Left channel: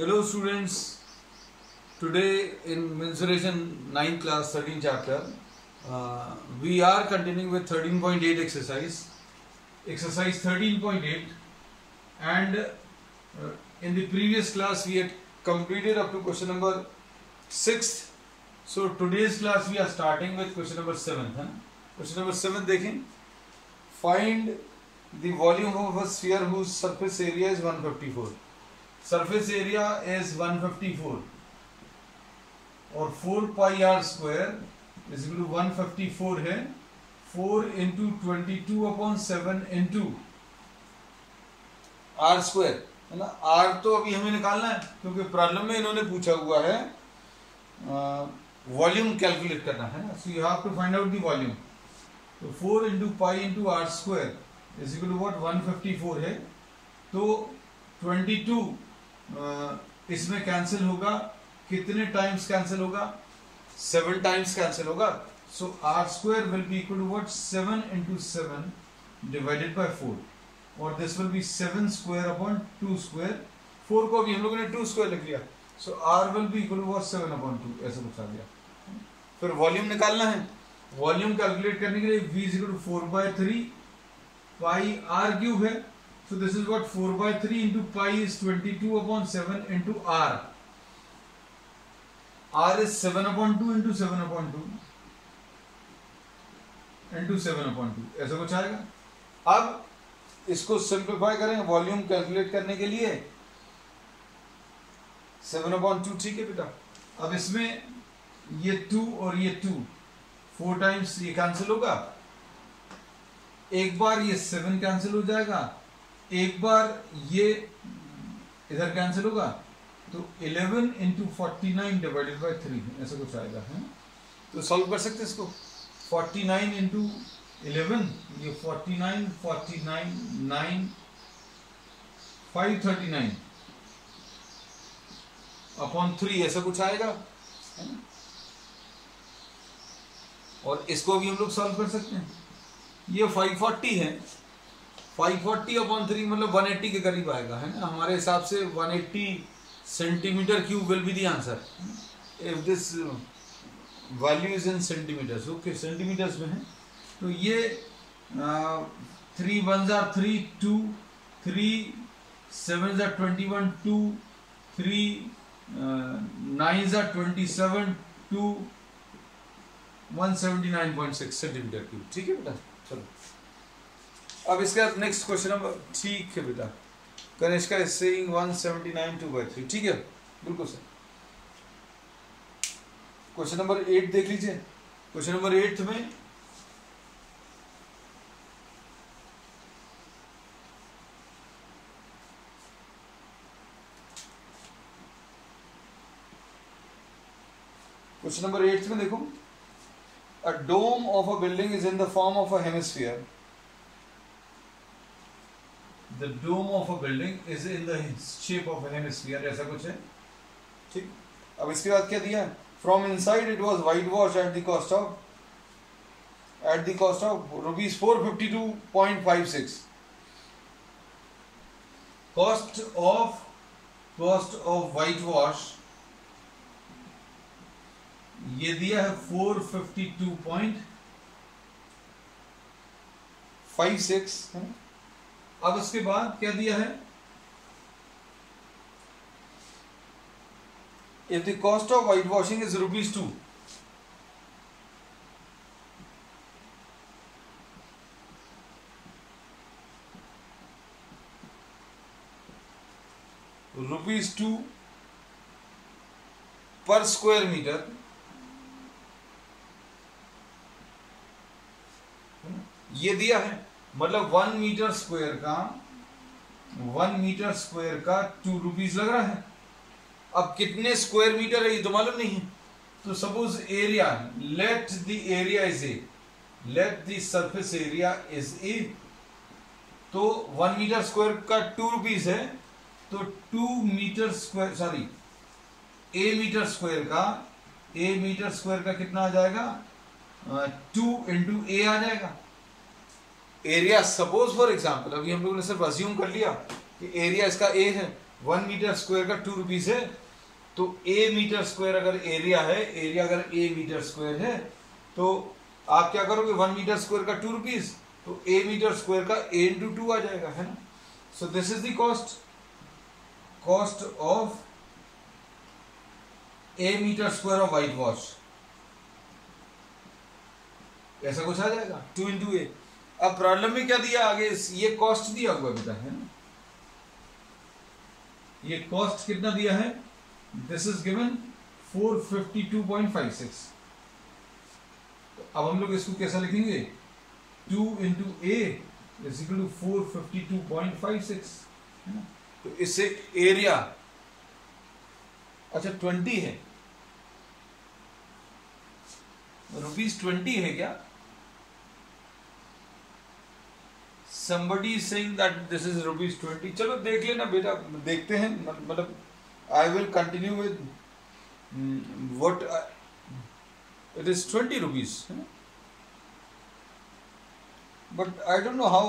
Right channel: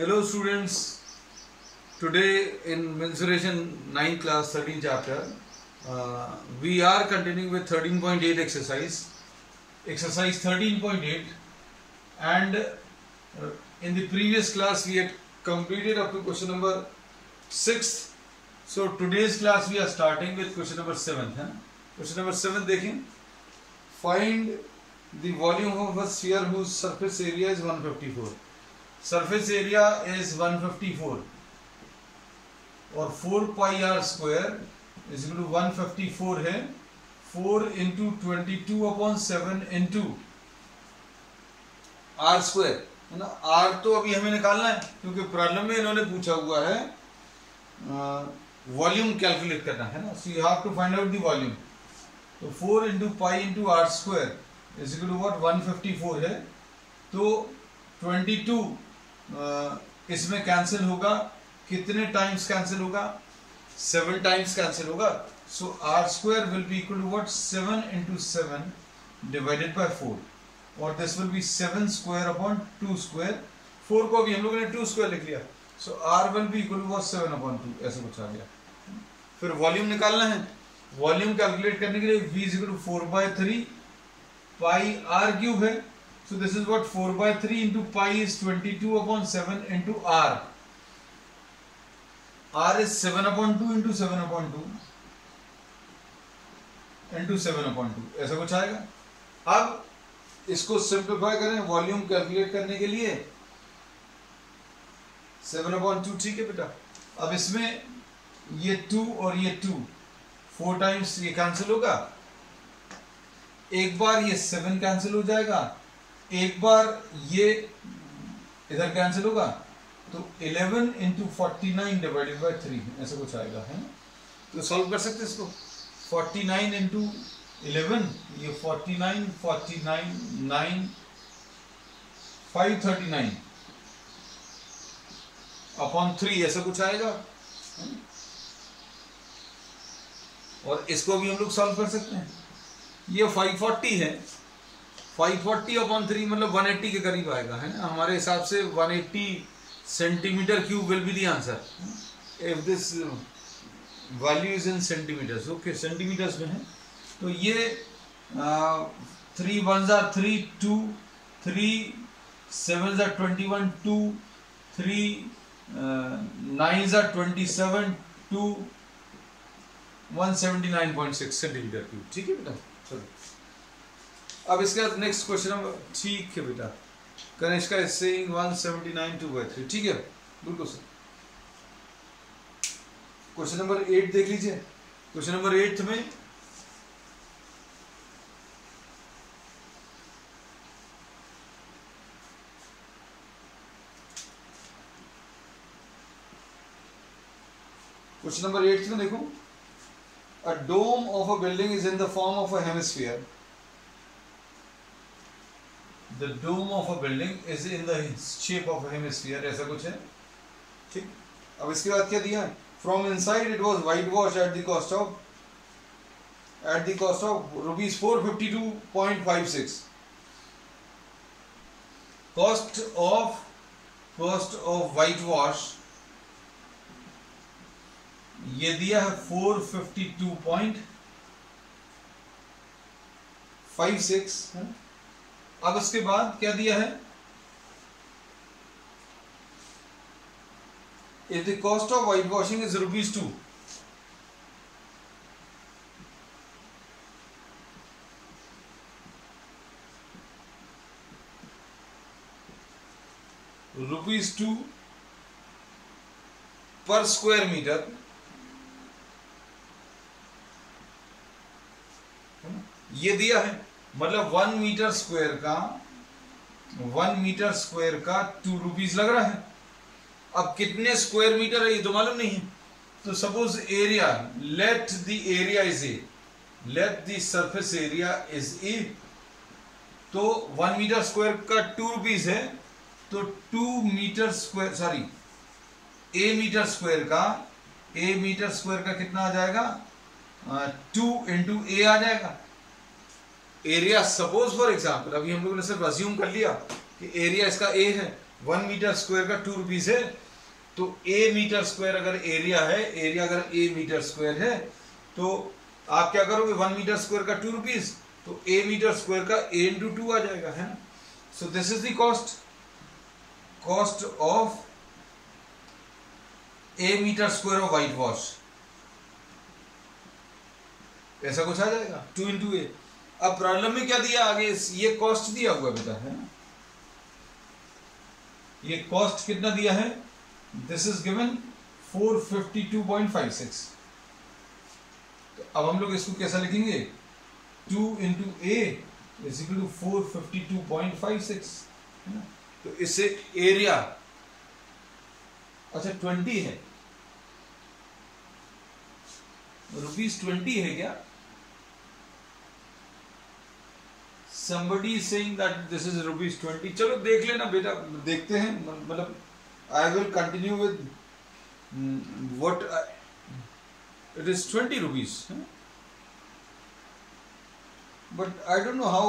Hello students, today in mensuration 9 class 13 chapter we are continuing with 13.8 exercise 13.8 and in the previous class we had completed up to question number 6. So today's class we are starting with question number 7. Question number 7 देखें, find the volume of a sphere whose surface area is 154. Surface area is 154 और 4 pi are square is equal to 154 है 4 into 22/7 into R square है ना. Are तो अभी हमें निकालना है क्योंकि प्रॉब्लम में इन्होंने पूछा हुआ है वॉल्यूम कैलकुलेट करना है ना. So you have to find out the volume. तो 4 into pi into R square is equal to what 154 है. तो 22 इसमें कैंसिल होगा. कितने टाइम्स कैंसिल होगा? 7 टाइम्स कैंसिल होगा. So r square will be equal to what 7 into 7 divided by 4 और this will be 7 square upon 2 square. 4 को अभी हम लोगों ने 2 स्क्वायर लिख लिया. So r will be equal to 7 upon 2 ऐसा कुछ आ गया. फिर वॉल्यूम निकालना है. वॉल्यूम कैलकुलेट करने के लिए v is equal to 4/3 pi R cube है. So this is what 4/3 into pi is 22/7 into r. R is 7/2 into 7/2 into 7/2 ऐसा कुछ आएगा. अब इसको सिंप्लीफाई करें वॉल्यूम कैलकुलेट करने के लिए. 7/2 ठीक है बेटा. अब इसमें ये 2 और ये 2 4 टाइम्स ये कैंसिल होगा. एक बार ये 7 कैंसिल हो जाएगा. एक बार ये इधर कैंसिल होगा. तो 11 इंटू 49 डिवाइडेड बाई 3 ऐसा कुछ आएगा है ना. तो सॉल्व कर सकते इसको. 49 इंटू 11 ये 49 9 539 अपॉन 3 ऐसा कुछ आएगा. और इसको भी हम लोग सॉल्व कर सकते हैं. ये 540 है. 540 अपॉन 3 मतलब 180 के करीब आएगा है ना. हमारे हिसाब से 180 centimetre cube will be the answer if this value is in centimetres. Okay centimetres में है. तो ये 3 1s are 3 2 3 7s are 21 2 3 9s are 27 2 179.6 centimetre cube. ठीक है बेटा. चलो अब इसका नेक्स्ट क्वेश्चन नंबर ठीक है बेटा. Kanishka is saying 179 2/3. ठीक है बिल्कुल सर. क्वेश्चन नंबर 8 देख लीजिए. क्वेश्चन नंबर 8 में देखो a dome of a building is in the form of a hemisphere. The dome of a building is in the shape of a hemisphere. ऐसा कुछ है. ठीक. अब इसके बाद क्या दिया है? From inside it was whitewashed at the cost of rupees 452.56. Cost of whitewash ये दिया है 452.56 है. अब इसके बाद क्या दिया है? If the cost of whitewashing is rupees 2, rupees 2 per square meter. ये दिया है मतलब 1 मीटर स्क्वायर का 2 रुपीज लग रहा है. अब कितने स्क्वायर मीटर है ये तो मालूम नहीं. तो suppose area let the surface area is a. तो 1 मीटर स्क्वायर का 2 रुपीज है. तो 2 मीटर स्क्वायर ए मीटर स्क्वायर का कितना आ जाएगा? 2 इंटू ए आ जाएगा. एरिया सपोज फॉर एग्जाम्पल अभी हम लोगों ने सिर्फ अज्यूम कर लिया कि एरिया इसका ए है. 1 मीटर स्क्वायर का 2 रुपीज है, तो ए मीटर स्क्वायर अगर एरिया है, एरिया अगर ए मीटर स्क्वायर है, तो आप क्या करोगे, 1 मीटर स्क्वायर का 2 रुपीज, तो ए मीटर स्क्वायर का ए इंटू 2 आ जाएगा, है ना। So this is the cost of a metre square of whitewash, ऐसा कुछ आ जाएगा 2 इंटू ए। अब प्रॉब्लम में क्या दिया आगे, ये कॉस्ट दिया हुआ बेटा, है ना, ये कॉस्ट कितना दिया है, दिस इज गिवन 452.56। तो अब हम लोग इसको कैसा लिखेंगे, 2 into A is equal to 452.56, है ना। तो इससे एरिया, अच्छा 20 है, ₹20 है क्या, somebody is saying that this is ₹20। चलो देख लेना बेटा, देखते हैं, मतलब I will continue with what it is 20 rupees, but I don't know how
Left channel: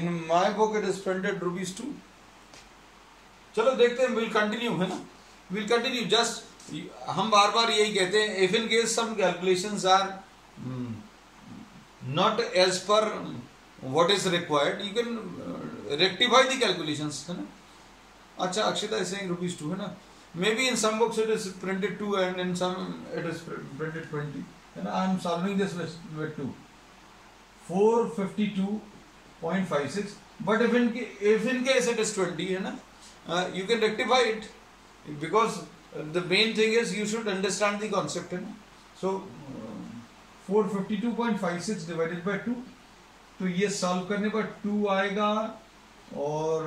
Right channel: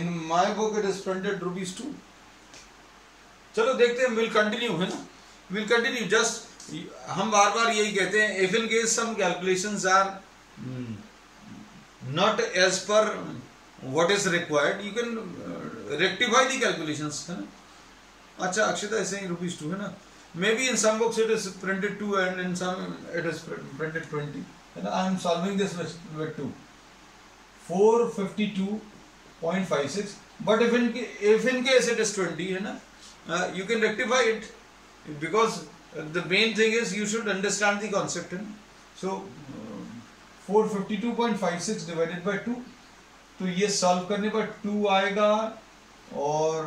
in my book it is printed ₹2। चलो देखते हैं, we'll continue, है ना, we'll continue। just हम बार बार यही कहते हैं, if in case some calculations are not as per what is required, you can rectify the calculations, है ना। अच्छा अक्षता is saying ₹2, है ना, maybe in some books it is printed 2 and in some it is printed 20, है ना। I am solving this with 2, 452.56, but if in case it is 20, है ना, you can rectify it, because the main thing is you should understand the concept, है ना। So 452.56 divided by 2, तो ये solve करने पर 2 आएगा, और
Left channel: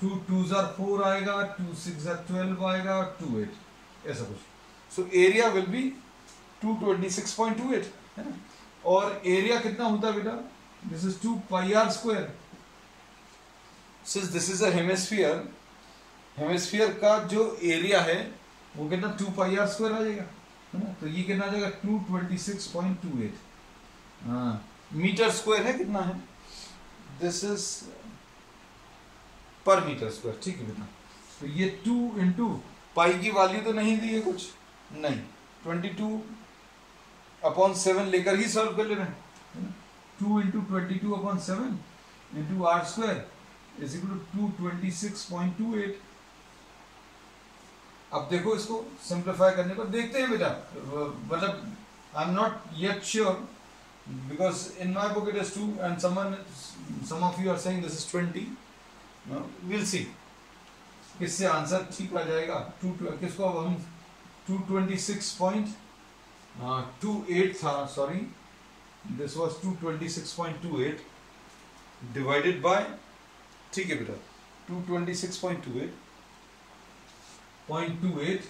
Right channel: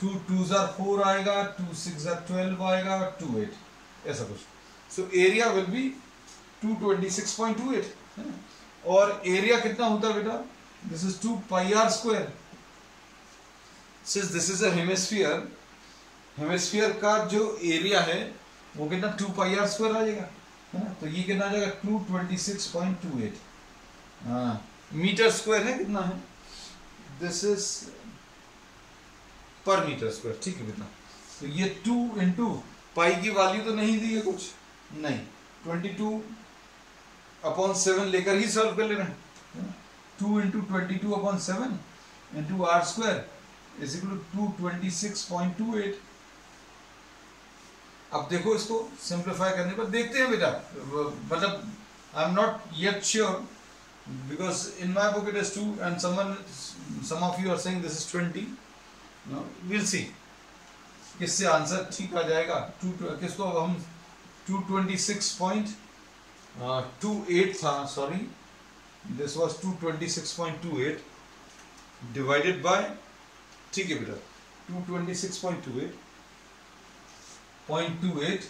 2 2s are 4 आएगा, 2 6s are 12 आएगा, 2 8, ऐसा कुछ। सो एरिया विल बी 226.28, है ना। और एरिया कितना होता है बेटा, this is 2 pi are square, since this is a hemisphere, hemisphere का जो एरिया है वो कितना 2 पाई आर स्क्वायर आ जाएगा, है ना। तो ये कितना आ जाएगा 226.28, हाँ मीटर स्क्वायर है, कितना है, दिस इज पर मीटर स्क्वायर, ठीक है बेटा। तो ये 2 इंटू पाई की वैल्यू तो नहीं दी है कुछ, नहीं, 22/7 लेकर ही सॉल्व कर ले रहे हैं, 2 into 22/7 into R square is equal to 226.28। अब देखो इसको सिंप्लीफाई करने पर देखते हैं बेटा, मतलब I am not yet sure, because in my book it is 2 and some of you are saying this is 20, no, we'll see किससे आंसर ठीक आ जाएगा। किसको अब हम 226.28 था, sorry this was 226.28 divided by, ठीक है बेटा, 226.28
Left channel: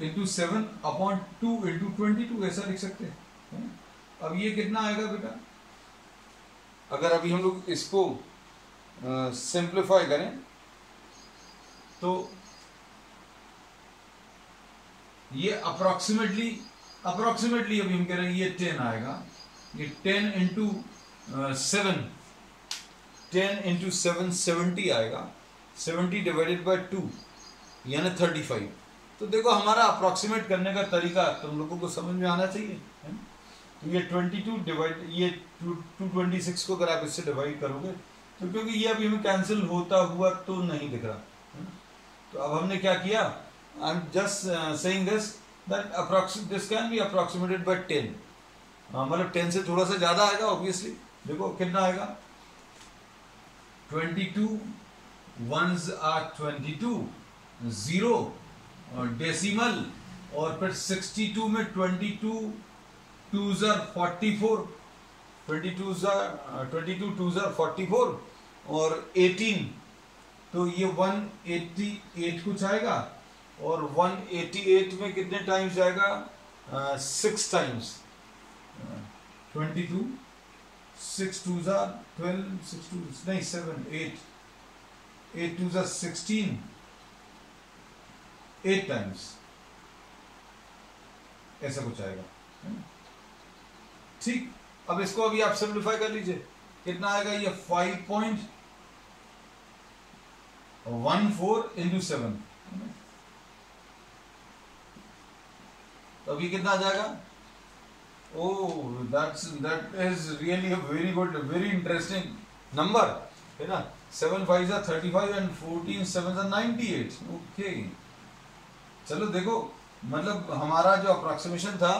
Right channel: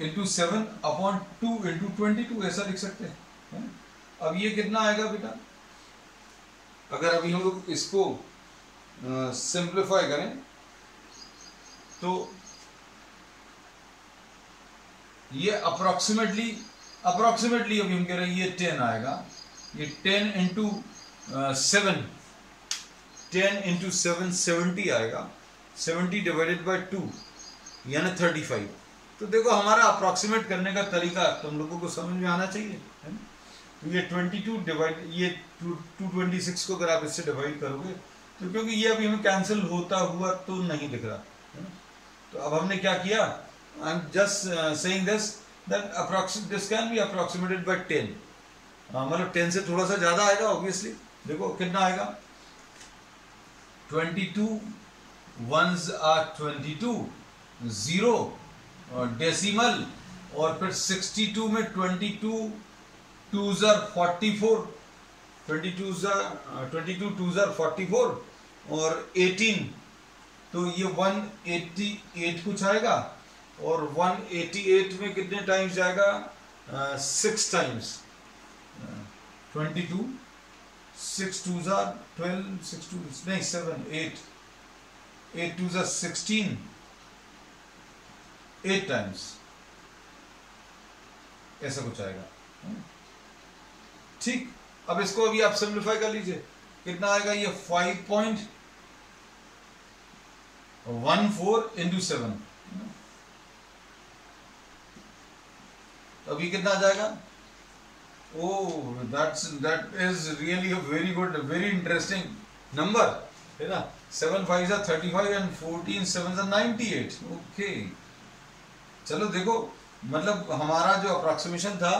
इंटू 7/2 इंटू 22, ऐसा लिख सकते हैं। अब ये कितना आएगा बेटा, अगर अभी हम लोग इसको सिंप्लीफाई करें तो ये अप्रोक्सीमेटली अभी हम कह रहे हैं ये 10 आएगा, ये 10 इंटू 7 70 आएगा, 70 डिवाइडेड बाय 2 यानी 35। तो देखो हमारा अप्रोक्सीमेट करने का तरीका तुम लोगों को समझ में आना चाहिए, है ना। ये 22 डिवाइड, ये 226 को अगर आप इससे डिवाइड करोगे तो, क्योंकि ये अभी हमें कैंसिल होता हुआ तो नहीं दिख रहा, है ना। तो अब हमने क्या किया, I am just saying this that this can be approximated by 10, मतलब 10 से थोड़ा सा ज्यादा आएगा ऑब्वियसली। देखो कितना आएगा, 22 1s are 22, 0 डेसिमल, और फिर 62 में 22 2s are 44, 22 2s are 44, और 18, तो ये 188 कुछ आएगा, और 188 में कितने टाइम्स जाएगा, 6 टाइम्स, 22, 6 2s are 12, 6 2s नहीं 7 8, 8 2s are 16, 8 टाइम्स, ऐसा कुछ आएगा, ठीक। अब इसको अभी आप सिंप्लीफाई कर लीजिए, कितना आएगा, ये 14 into 7, तो अभी कितना आ जाएगा? ओह, that is really a very good, very interesting number, है ना? 7 5s are 35 and 14 7s are 98. Okay, चलो देखो, मतलब हमारा जो अप्रोक्सीमेशन था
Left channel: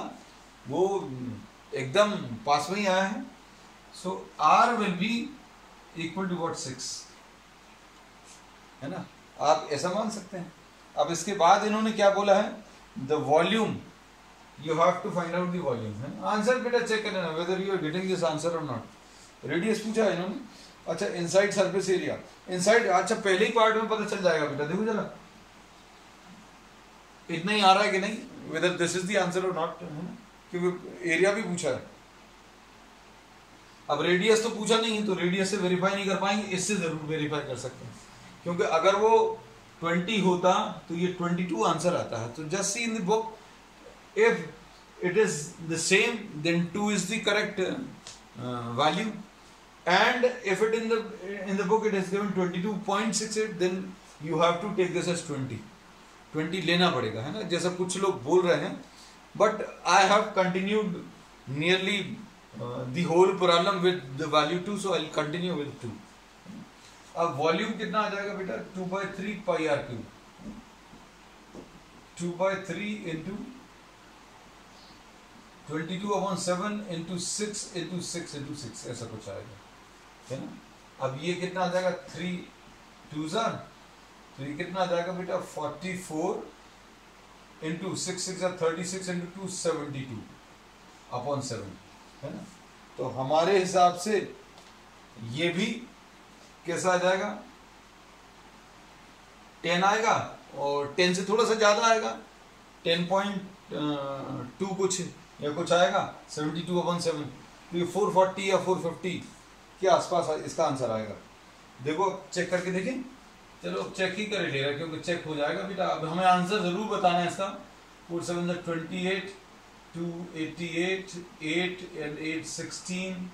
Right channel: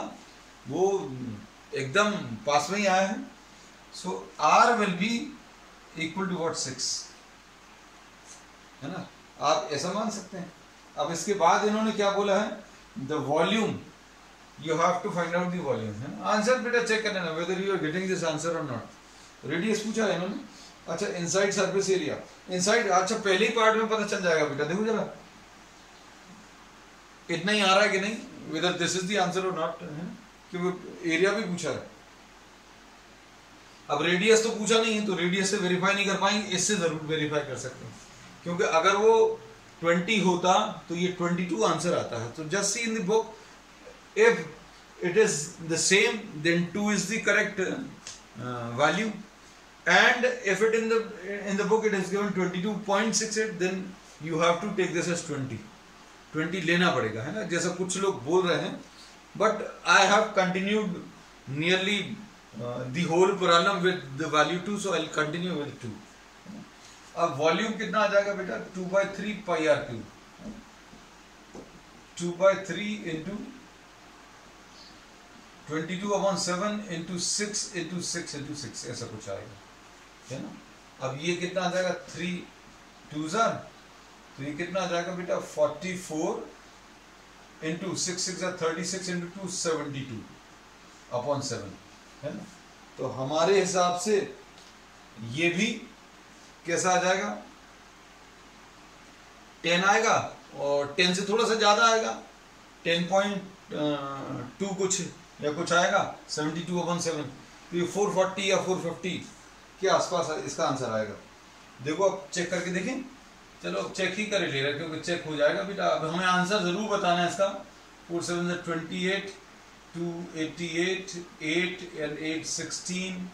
वो एकदम पास में ही आया है. So R will be equal to what 6, है ना? आप ऐसा मान सकते हैं. अब इसके बाद इन्होंने क्या बोला है? The volume, you have to find out the volume, है ना? आंसर बेटा चेक कर लेना whether you are getting this answer or not. Radius पूछा है इन्होंने. अच्छा, इनसाइड सरफेस एरिया, इनसाइड, अच्छा पहले ही पार्ट में पता चल जाएगा बेटा. देखो जरा इतना ही आ रहा है कि नहीं, whether this is the answer or not, है ना? क्योंकि एरिया भी पूछा है. अब रेडियस तो पूछा नहीं है, तो रेडियस से वेरीफाई नहीं कर पाएंगे, इससे जरूर वेरीफाई कर सकते हैं, क्योंकि अगर वो 20 होता तो ये 22 आंसर आता है. तो just see in the book, if it is the same then 2 is the correct value, and if it in the book it is given 22.68, then you have to take this as 20 लेना पड़ेगा, है ना? जैसा कुछ लोग बोल रहे हैं, but I have continued nearly the whole problem with the value 2, so I'll continue with 2. अब वॉल्यूम कितना आ जाएगा बेटा? 2/3 pi r cube, 2/3 into 22/7 into 6 into 6 into 6, ऐसा कुछ आएगा, है ना? अब ये कितना आ जाएगा? 3 2s are, तो ये कितना आ जाएगा बेटा? 44 into 6 6 are 36 into 2 72/7, है ना? तो हमारे हिसाब से ये भी कैसा आ जाएगा? 10 आएगा, और 10 से थोड़ा सा ज्यादा आएगा, 10.2 कुछ या कुछ आएगा, 72/7. तो ये 440 या 450 के आसपास इसका आंसर आएगा. देखो अब चेक करके देखें. चलो अब चेक ही कर ले रहा, क्योंकि चेक हो जाएगा बेटा. अब हमें आंसर जरूर बताना है इसका. 4 7 28, 2 88, 8 and 8 16,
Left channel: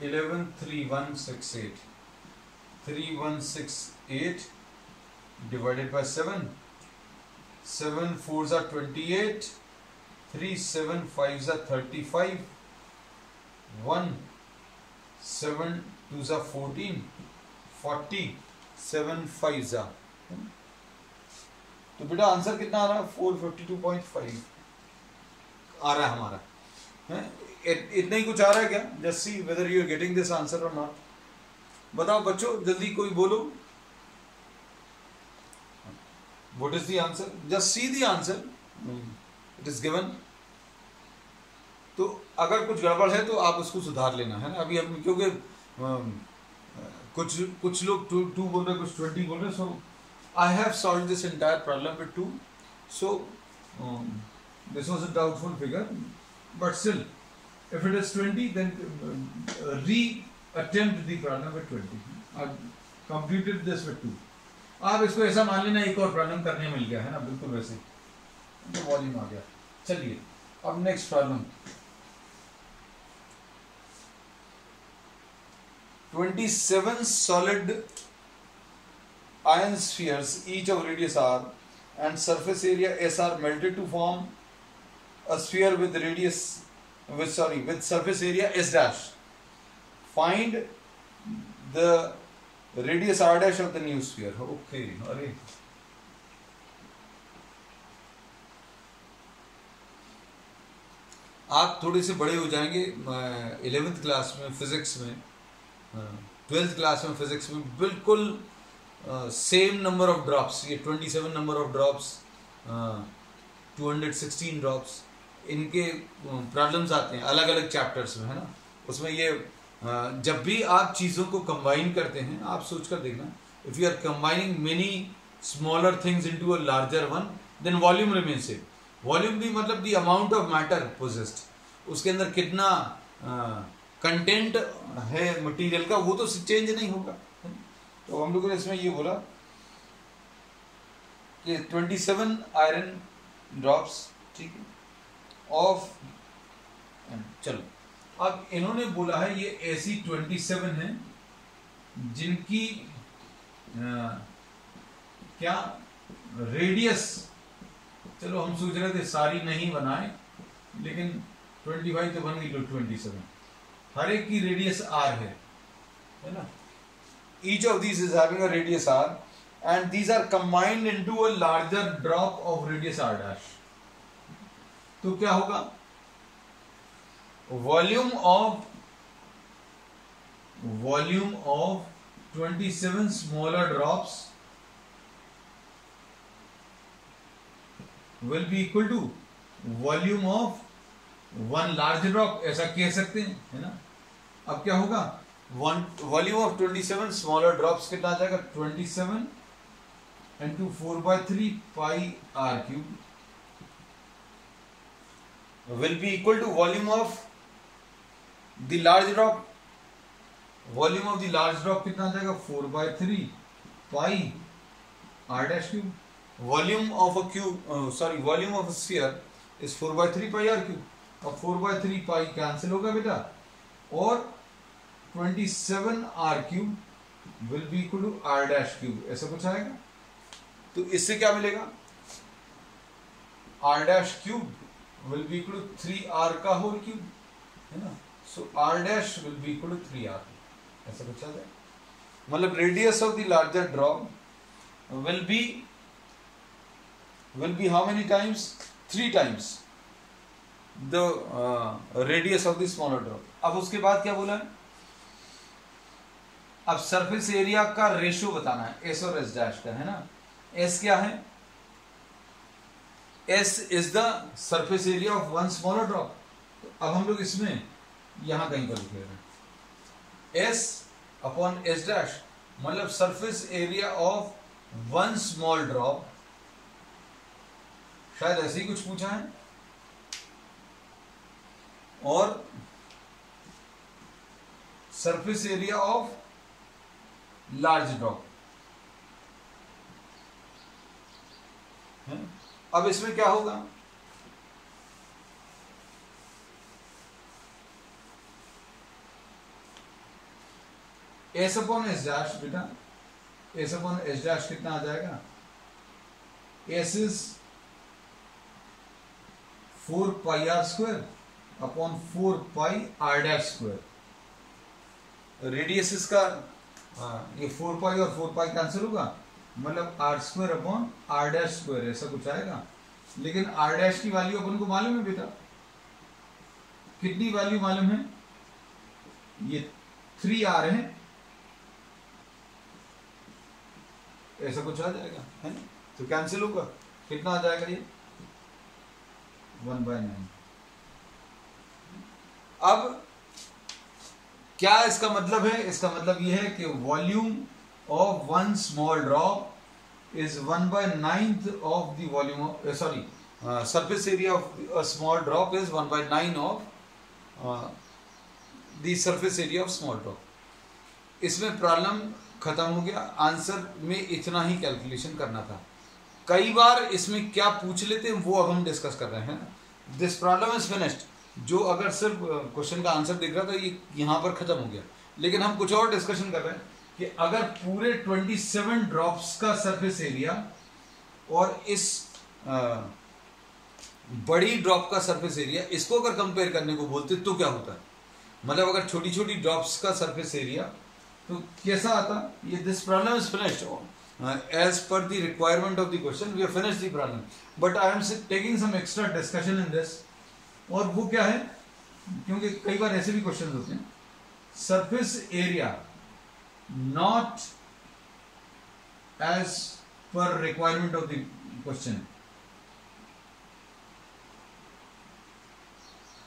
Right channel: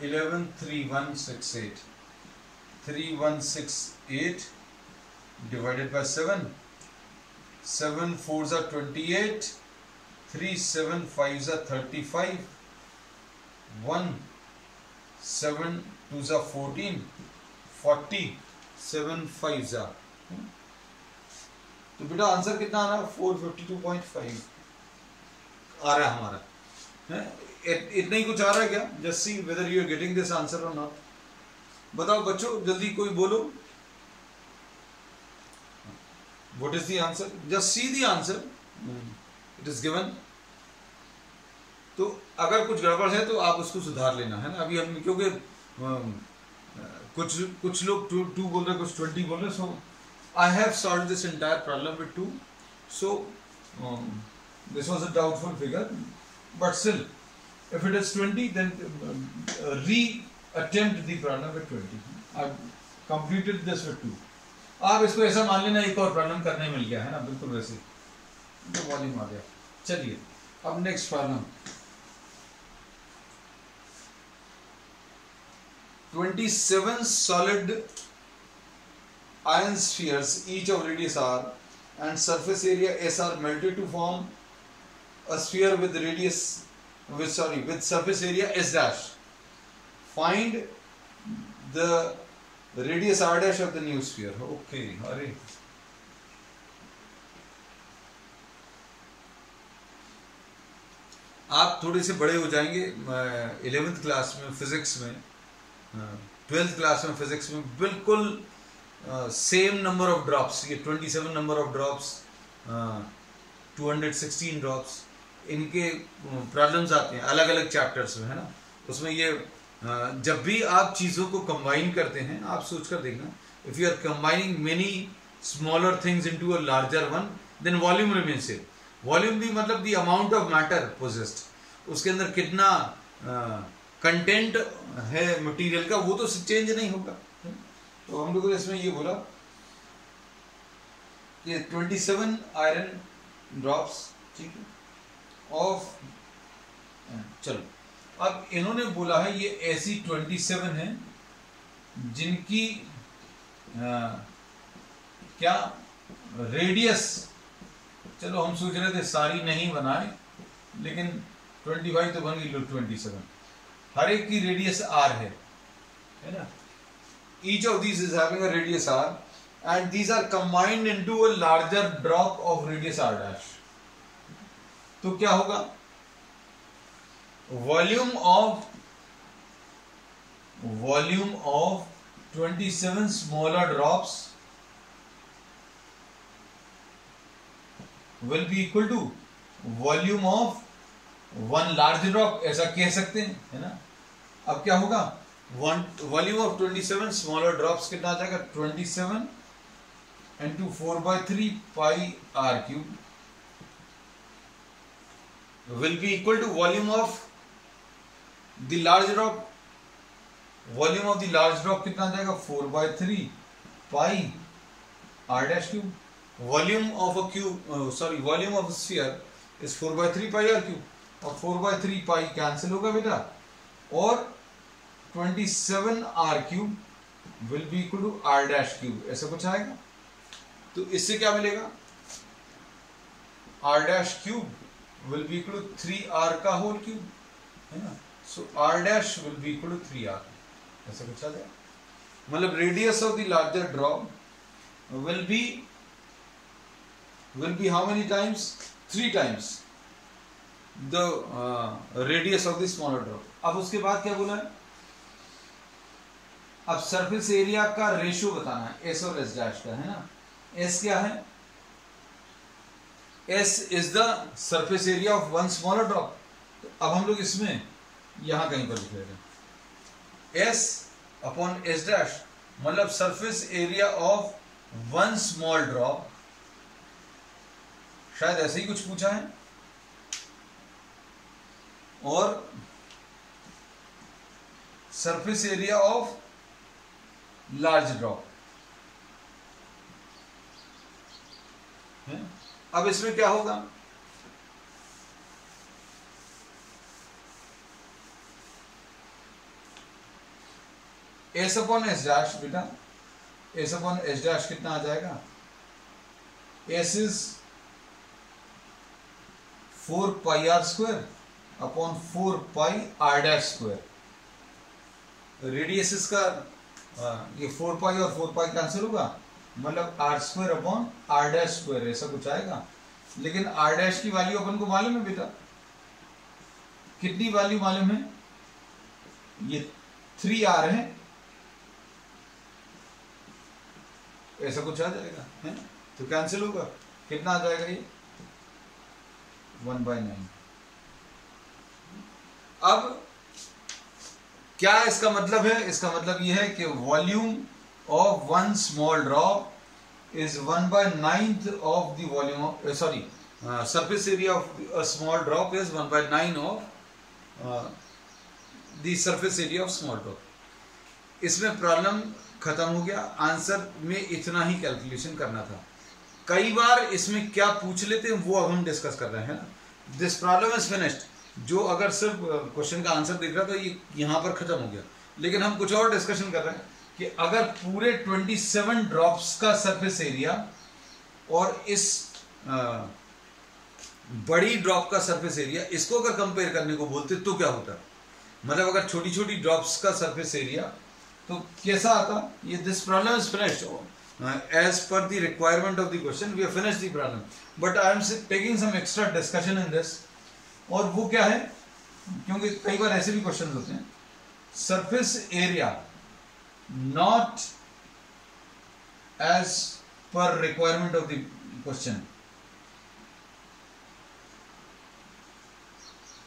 11 3168, 3168 divided by 7, 7 4s are 28, 3 7 5s are 35, 1 7 2s are 14, 40, 7 5s are. तो बेटा आंसर कितना आ रहा है? 452.5 आ रहा है हमारा. इतना ही कुछ आ रहा है क्या? Just see whether you are getting this answer or not. बताओ बच्चों, जल्दी कोई बोलो. What is the answer? Just see the answer, it is given. तो अगर कुछ गड़बड़ है तो आप उसको सुधार लेना, है ना? अभी हम, क्योंकि कुछ लोग 2 बोल रहे, कुछ 20 बोल रहे. So I have solved this entire problem with 2. So this was a doubtful figure, but still if it is 20, then re-attempt the problem with 20. I've completed this with 2. आप इसको ऐसा मान लेना एक और प्रॉब्लम करने मिल गया, है ना? बिल्कुल वैसे तो वॉल्यूम आ गया. चलिए अब next problem. 27 solid iron spheres, each of radius r and surface area s are melted to form a sphere with radius with surface area s dash. Find the radius r dash of the new sphere. Okay, अरे आप थोड़े से बड़े हो जाएंगे. 11th class में physics में, 12th class में फिजिक्स में बिल्कुल सेम नंबर ऑफ ड्रॉप्स, ये 27 नंबर ऑफ ड्रॉप्स, 216 ड्रॉप्स, इनके प्रॉब्लम्स आते हैं अलग अलग चैप्टर्स में, है ना? उसमें ये जब भी आप चीज़ों को कंबाइन करते हैं, आप सोच कर देखना, if you are combining many smaller things into a larger one, then volume remains same. Volume भी मतलब the amount of matter possessed, उसके अंदर कितना कंटेंट है मटेरियल का, वो तो चेंज नहीं होगा. तो हम लोगों ने इसमें ये बोला कि 27 आयरन ड्रॉप्स, ठीक है, ऑफ, चलो अब इन्होंने बोला है ये ऐसी 27 है जिनकी क्या रेडियस, चलो हम सोच रहे थे सारी नहीं बनाए, लेकिन 25 तो बन गई, 27, हर एक की रेडियस आर है ना. Each of these is having a radius R and these are combined into a larger drop of radius R dash. तो क्या होगा, volume of 27 smaller drops will be equal to volume of one large drop, ऐसा कह सकते हैं, है ना. अब क्या होगा, वॉल्यूम ऑफ 27 स्मॉलर ड्रॉप्स कितना आ जाएगा, 27 into 4/3 pi R cube will be equal to volume of the large drop. Volume of the large drop कितना आ जाएगा, 4/3 पाई r dash cube. Volume of a cube, volume of a sphere is 4/3 pi r cube. अब 4/3 पाई cancel होगा बेटा, और 27 r cube will be equal to r dash cube, ऐसा कुछ आएगा. तो इससे क्या मिलेगा, r dash cube will be equal to 3r का होल क्यूब, है ना. सो r dash will be equal to 3r, ऐसा कुछ आ जाए. मतलब radius of the larger drop will be how many times, 3 times the radius of the smaller drop. अब उसके बाद क्या बोला है, अब सरफेस एरिया का रेशियो बताना है, s और s डैश का, है ना. s क्या है, S is the surface area of one smaller drop. तो अब हम लोग इसमें यहां कहीं पर लिख ले रहे हैं, S अपॉन S डैश, मतलब surface area of one small drop. शायद ऐसे ही कुछ पूछा है. और surface area of large drop. अब इसमें क्या होगा, एस अपॉन एस डैश बेटा, एस अपॉन एस डैश कितना आ जाएगा, S is 4 pi are square upon 4 pi R dash square. Radius इसका ये 4 पाई और 4 पाई कैंसिल होगा, मतलब R square upon R dash square, ऐसा कुछ आएगा. लेकिन आर डैश की वैल्यू अपन को मालूम है बेटा, कितनी वैल्यू मालूम है, ये 3r है, ऐसा कुछ आ जाएगा, है ना. तो कैंसिल होगा, कितना आ जाएगा ये, 1/9. अब क्या इसका मतलब है, इसका मतलब ये है कि volume of one small drop is 1/9 of the volume of surface area of a small drop is 1/9 of the surface area of small drop. इसमें प्रॉब्लम खत्म हो गया, आंसर में इतना ही कैलकुलेशन करना था. कई बार इसमें क्या पूछ लेते हैं वो अब हम डिस्कस कर रहे हैं. This problem is finished. जो अगर सिर्फ क्वेश्चन का आंसर दिख रहा था ये यहां पर खत्म हो गया, लेकिन हम कुछ और डिस्कशन कर रहे हैं कि अगर पूरे 27 ड्रॉप्स का सरफेस एरिया और इस बड़ी ड्रॉप का सरफेस एरिया, इसको अगर कंपेयर करने को बोलते तो क्या होता, मतलब अगर छोटी छोटी ड्रॉप्स का सरफेस एरिया तो कैसा आता. ये this problem is finished as per the requirement of the question, we have finished the problem, but I am taking some extra discussion in this. और वो क्या है, क्योंकि कई बार ऐसे भी क्वेश्चन होते हैं, surface area not as per requirement of the question.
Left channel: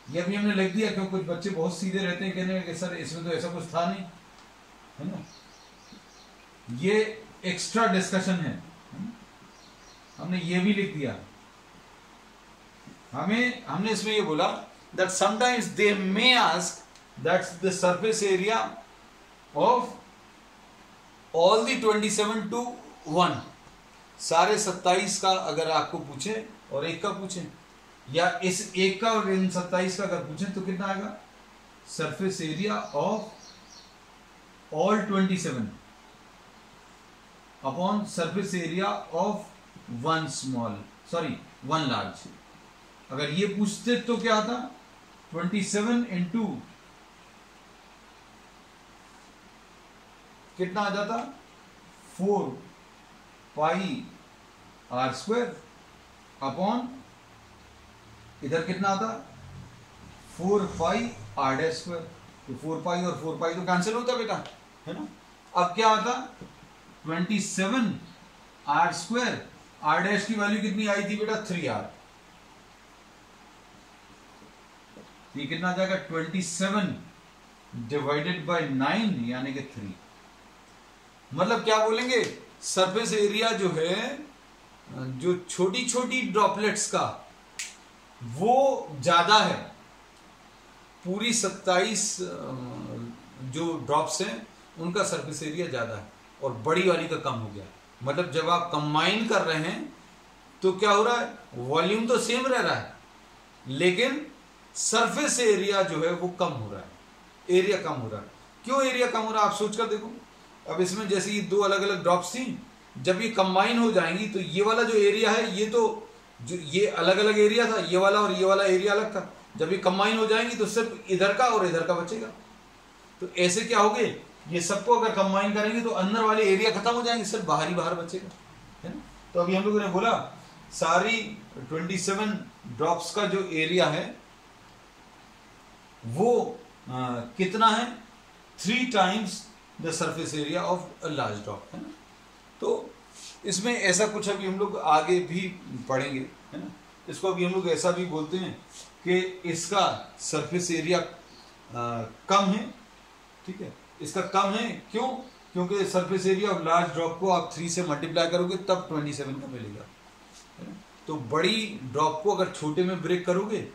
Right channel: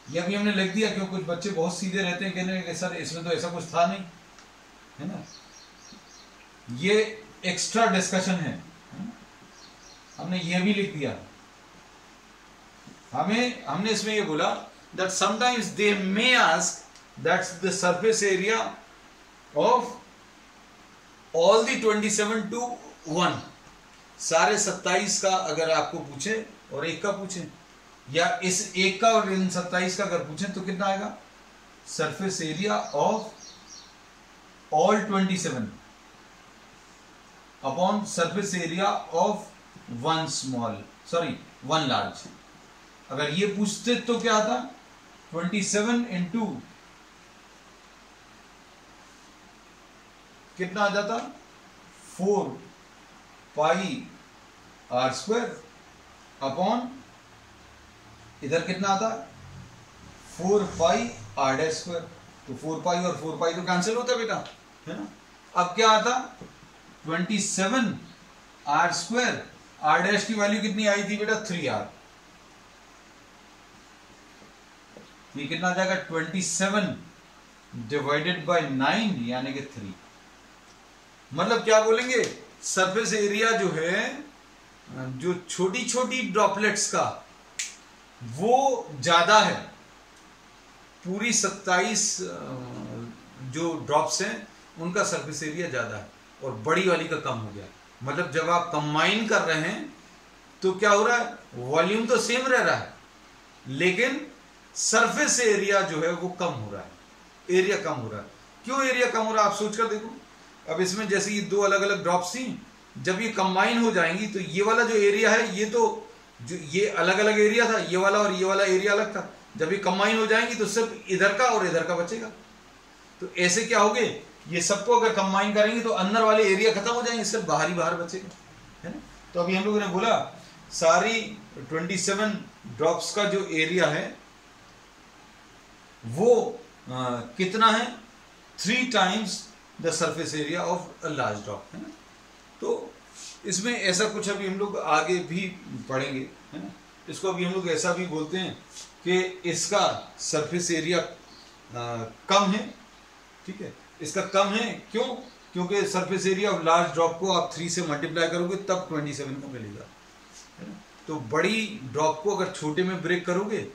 ये भी हमने लिख दिया, क्यों कुछ बच्चे बहुत सीधे रहते हैं, कहने कि सर इसमें तो ऐसा कुछ था नहीं, है ना. ये एक्स्ट्रा डिस्कशन है, हमने ये भी लिख दिया. हमने इसमें ये बोला that sometimes they may ask that's the surface area of all the 27 to 1, सारे 27 का अगर आपको पूछे और एक का पूछे, या इस एक का और इन 27 का अगर पूछे तो कितना आएगा, surface area of all 27 upon surface area of one large. अगर ये पूछते तो क्या आता, 27 इंटू कितना आ जाता, 4 पाई आर स्क्वायर अपॉन इधर कितना आता, 4 पाई आर डैश स्क्वायर। तो 4 पाई और 4 पाई तो कैंसिल होता बेटा, है ना। अब क्या आता, 27 आर स्क्वायर, आर डैश की वैल्यू कितनी आई थी बेटा, 3r। ये कितना आ जाएगा, 27 डिवाइडेड बाय 9 यानी कि 3। मतलब क्या बोलेंगे, सरफेस एरिया जो है, जो छोटी छोटी ड्रॉपलेट्स का वो ज्यादा है, पूरी 27 जो ड्रॉप्स हैं उनका सरफेस एरिया ज्यादा है और बड़ी वाली का कम हो गया। मतलब जब आप कंबाइन कर रहे हैं तो क्या हो रहा है, वॉल्यूम तो सेम रह रहा है लेकिन सरफेस एरिया जो है वो कम हो रहा है, एरिया कम हो रहा है। क्यों एरिया कम हो रहा है, आप सोचकर देखो। अब इसमें जैसे ये 2 अलग अलग ड्रॉप्स थी, जब ये कंबाइन हो जाएंगी तो ये वाला जो एरिया है, ये तो जो ये अलग अलग एरिया था, ये वाला और ये वाला एरिया अलग था। जब ये कंबाइन हो जाएंगी तो सिर्फ इधर का और इधर का बचेगा। तो ऐसे क्या होगे, ये सबको अगर कंबाइन करेंगे तो अंदर वाले एरिया खत्म हो जाएंगे, सिर्फ बाहर ही बाहर बचेगा, है ना। तो अभी हम लोगों ने बोला सारी 27 ड्रॉप्स का जो एरिया है वो कितना है, 3 times the surface area of a large drop, है ना। तो इसमें ऐसा कुछ अभी हम लोग आगे भी पढ़ेंगे, है ना। इसको अभी हम लोग ऐसा भी बोलते हैं कि इसका सरफेस एरिया कम है, ठीक है, इसका कम है। क्यों, क्योंकि surface area of large drop को आप 3 से मल्टीप्लाई करोगे तब 27 का मिलेगा, है ना। तो बड़ी ड्रॉप को अगर छोटे में ब्रेक करोगे,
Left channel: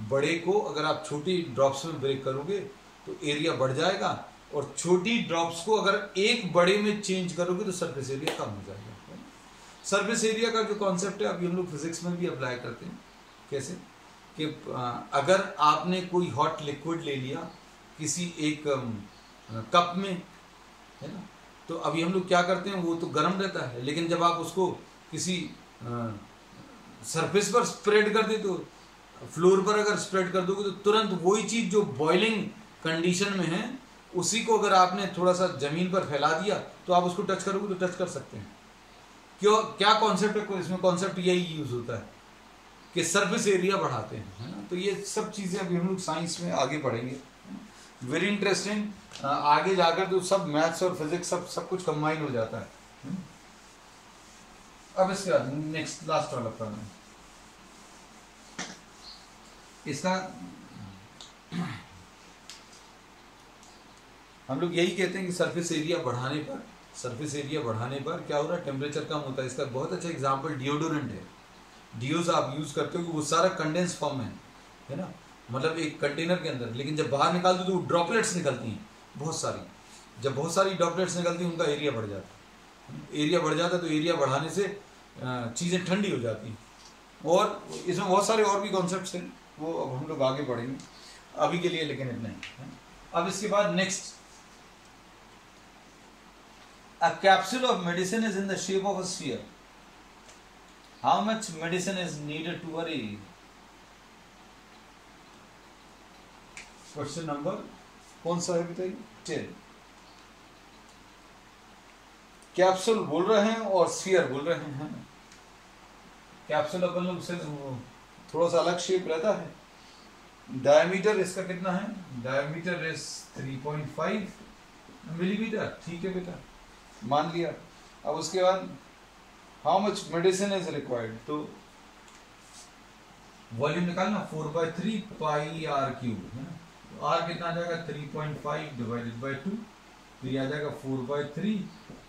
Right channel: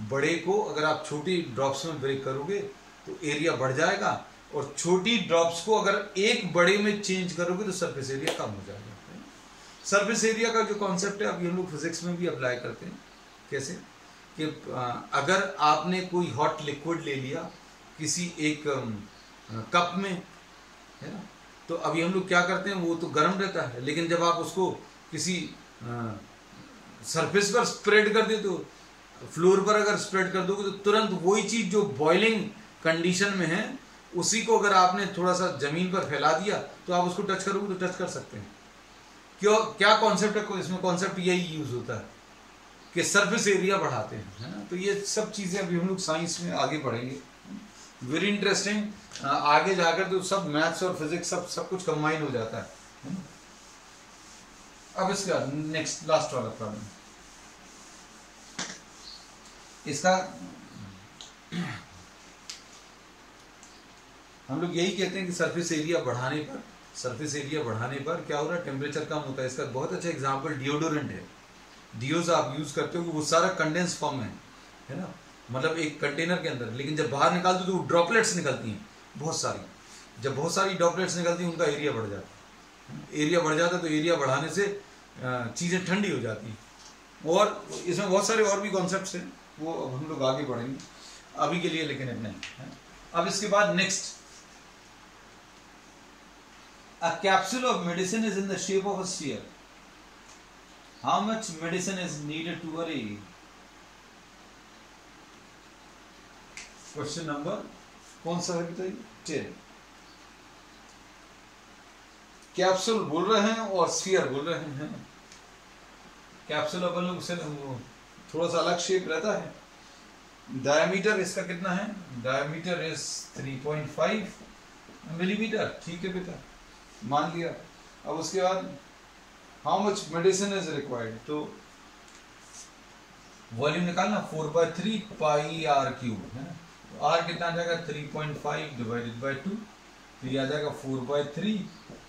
बड़े को अगर आप छोटी ड्रॉप्स में ब्रेक करोगे तो एरिया बढ़ जाएगा, और छोटी ड्रॉप्स को अगर एक बड़े में चेंज करोगे तो सरफेस एरिया कम हो जाएगा। सरफेस एरिया का जो कॉन्सेप्ट है अभी हम लोग फिजिक्स में भी अप्लाई करते हैं। कैसे कि अगर आपने कोई हॉट लिक्विड ले लिया किसी एक कप में, है ना, तो अभी हम लोग क्या करते हैं, वो तो गर्म रहता है, लेकिन जब आप उसको किसी सरफेस पर स्प्रेड कर दे, तो फ्लोर पर अगर स्प्रेड कर दोगे तो तुरंत वही चीज जो बॉइलिंग कंडीशन में है उसी को अगर आपने थोड़ा सा जमीन पर फैला दिया तो आप उसको टच करोगे तो टच कर सकते हैं। क्यों, क्या कॉन्सेप्ट है इसमें, कॉन्सेप्ट यही यूज होता है कि सरफेस एरिया बढ़ाते हैं, है ना। तो ये सब चीजें अभी हम लोग साइंस में आगे पढ़ेंगे, वेरी इंटरेस्टिंग। आगे जाकर तो सब मैथ्स और फिजिक्स सब कुछ कंबाइन हो जाता है। अब इसके बाद नेक्स्ट लास्ट वाला प्रॉब्लम, इसका हम लोग यही कहते हैं कि सरफेस एरिया बढ़ाने पर क्या हो रहा है, टेम्परेचर कम होता है। इसका बहुत अच्छा एग्जांपल डिओडोरेंट है। डिओज आप यूज करते हो वो सारा कंडेंस फॉर्म है ना, मतलब एक कंटेनर के अंदर, लेकिन जब बाहर निकालते हो तो ड्रॉपलेट्स निकलती हैं बहुत सारी। जब बहुत सारी ड्रॉपलेट्स निकलती हैं उनका एरिया बढ़ जाता है। एरिया बढ़ जाता है तो एरिया बढ़ाने से चीज़ें ठंडी हो जाती हैं। और इसमें बहुत सारे और भी कॉन्सेप्ट्स हैं, वो अब हम लोग आगे बढ़ेंगे, अभी के लिए लेकिन इतने हैं। अब इसके बाद next, a capsule of medicine is in the shape of a sphere. How much medicine is needed to a question number कौन सा है बताइए, 10। कैप्सूल बोल रहे हैं और स्फीयर बोल रहे हैं। कैप्सूल अपन लोग से थोड़ा सा अलग शेप रहता है। डायमीटर इसका कितना है, डायमीटर इज 3.5 मिलीमीटर, ठीक है बेटा, मान लिया। अब उसके बाद how much medicine is required, तो वॉल्यूम निकालना 4/3 पाई आर क्यूब, है ना। तो आर कितना आ जाएगा, 3.5 डिवाइडेड बाई 2, तो ये आ जाएगा 4/3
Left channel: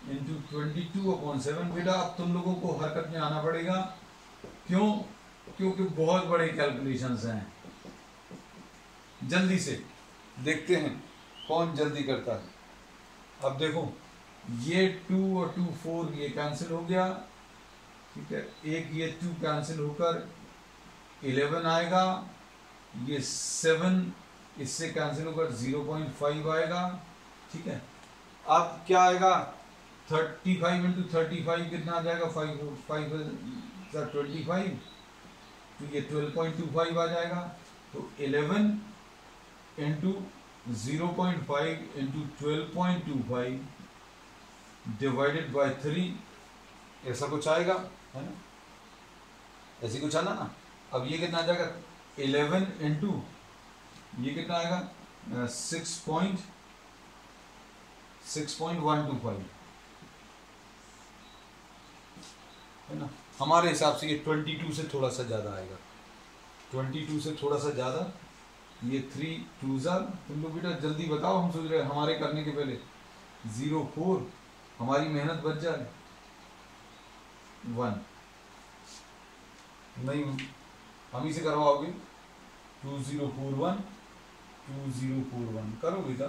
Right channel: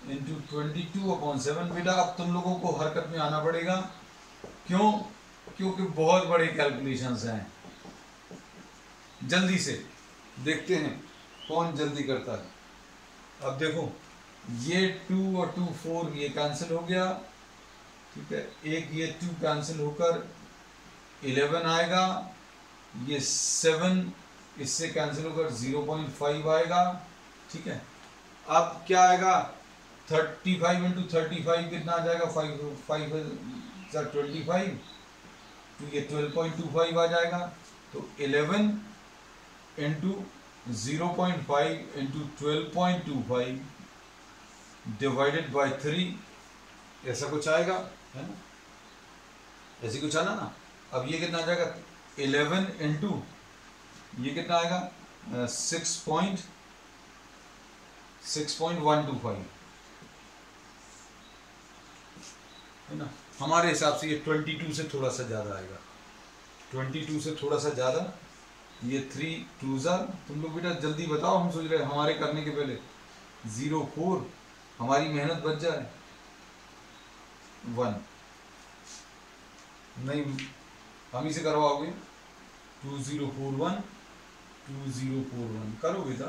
इंटू 22/7। बेटा अब तुम लोगों को हरकत में आना पड़ेगा, क्यों, क्योंकि बहुत बड़े कैलकुलेशंस हैं। जल्दी से देखते हैं कौन जल्दी करता है। अब देखो ये 2 और 2 4 ये कैंसिल हो गया, ठीक है, एक ये 2 कैंसिल होकर 11 आएगा, ये 7 इससे कैंसिल होकर 0.5 आएगा, ठीक है। अब क्या आएगा, 35 इंटू 35 कितना आ जाएगा, 5 25, तो ये 12.25 आ जाएगा। तो 11 इंटू 0.5 इंटू 12.25 डिवाइडेड बाय 3, ऐसा कुछ आएगा, है ना, ऐसे कुछ आना ना। अब ये कितना आ जाएगा, 11 इंटू ये कितना आएगा, 6.125, है ना। हमारे हिसाब से ये 22 से थोड़ा सा ज़्यादा आएगा, 22 से थोड़ा सा ज़्यादा। ये 3 2 तुम लोग बेटा जल्दी बताओ, हम सोच रहे हैं हमारे करने के पहले 04, हमारी मेहनत बच जाए। 1 नहीं, हम ही से करवाओगे। 2041 2041 करो बेटा,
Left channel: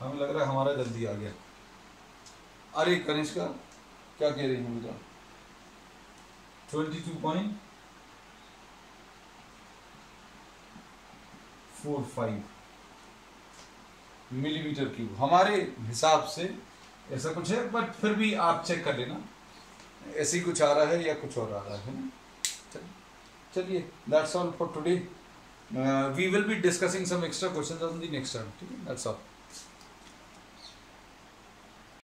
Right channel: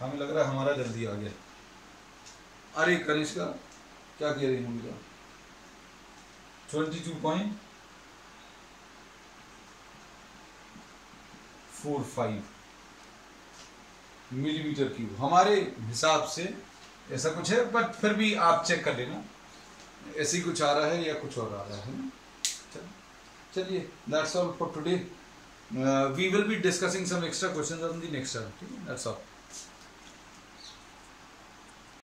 हमें लग रहा है हमारा जल्दी आ गया। अरे कनिष्का क्या कह रही हूँ बेटा, 22.45 मिलीमीटर क्यूब हमारे हिसाब से ऐसा कुछ है, बट फिर भी आप चेक कर लेना ऐसे ही कुछ आ रहा है या कुछ और आ रहा है। चलिए, that's all for today. We will be discussing some extra questions on the next time, ठीक है, दैट्स ऑल।